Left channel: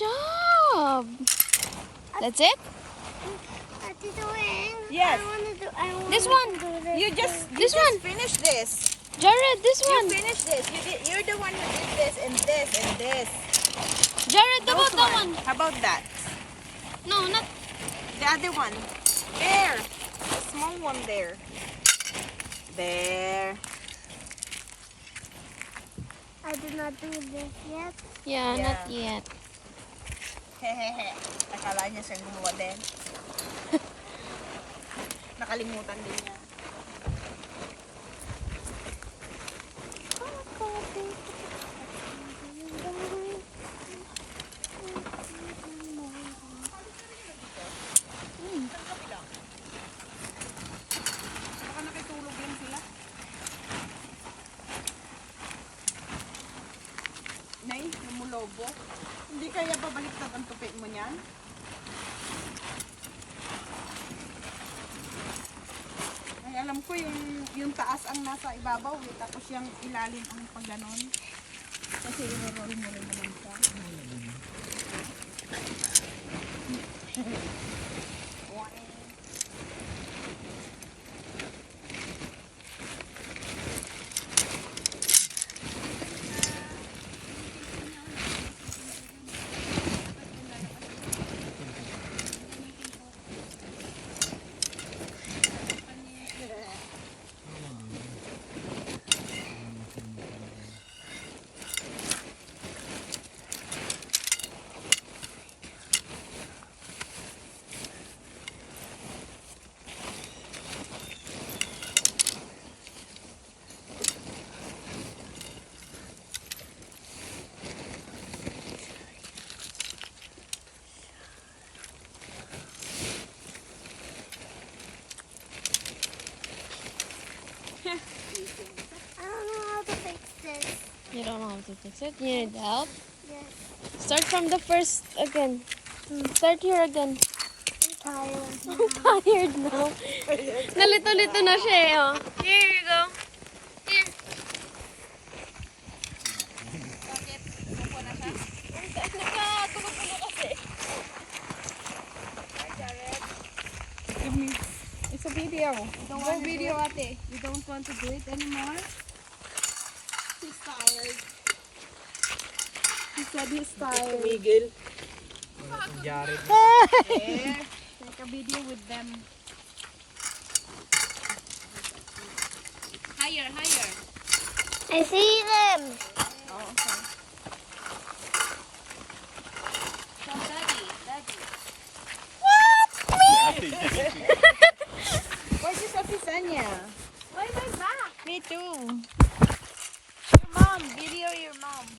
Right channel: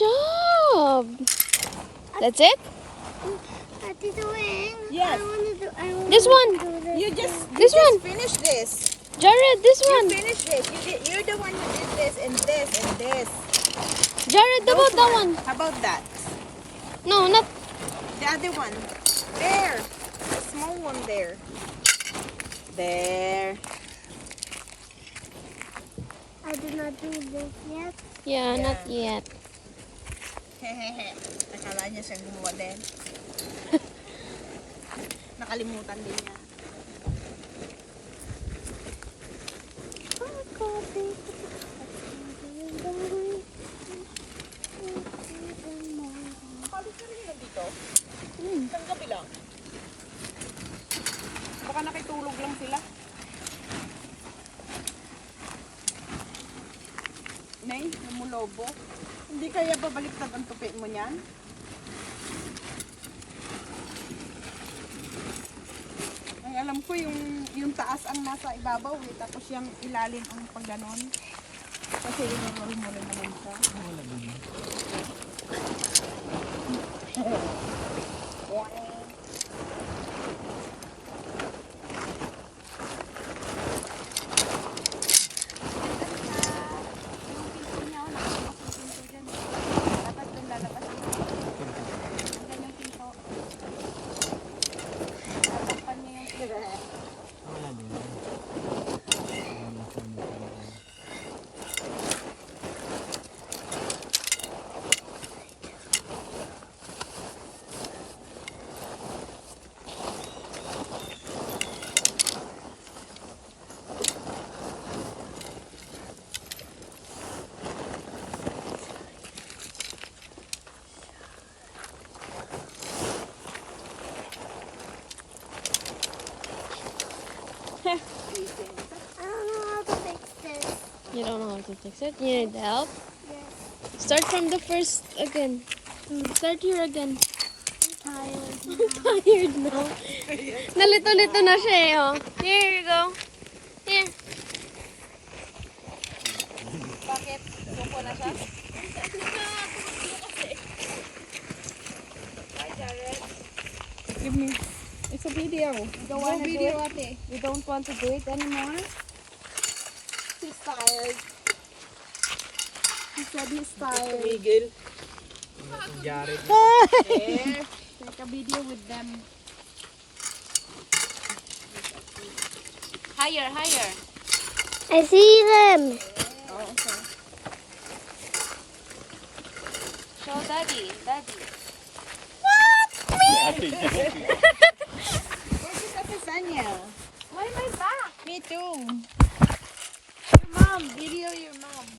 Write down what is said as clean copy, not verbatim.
job. That's it? What are you doing? Yes. This one. You just This one. finish this. Jared, this You one. finish this. You're the one who did this and this and this. Jared, how about that one? How about that? No, not. The other one. There. The small one there. There. I did not do this yet. Yeah, Yeah. not yet. Hehehe. Akala niya siyang gumawa din. Nakalimutan din niya. Isang gabi lang. Baka nakitulog lang sila. Nay, namulobo. Hindi kaya babaliktad ang tupi mo niyan? Ay, alam ko yung taas ang nasa ibabaw eh, tapos yung ilalim ang pagganon. Kasi yung mo rin naman siya. I don't know how to fix this. You don't know how to fix it? You need help? Yes. Start from the first again. Start here again. I'm tired. I'm tired now. Nalito-lito na siya eh. Oh. Here you go. Here. Bakit? Lupo na siya? Hi, Jared. Give me. It's a video. Don't want video, ate. You don't want to do it anymore? He's tired. He said he's tired. Tumigil. Jared. There. Take a video with them. Higher, higher. I see them. Oh, okay. Show daddy, daddy. Where's this Ate Sanya? Why my back? Me too.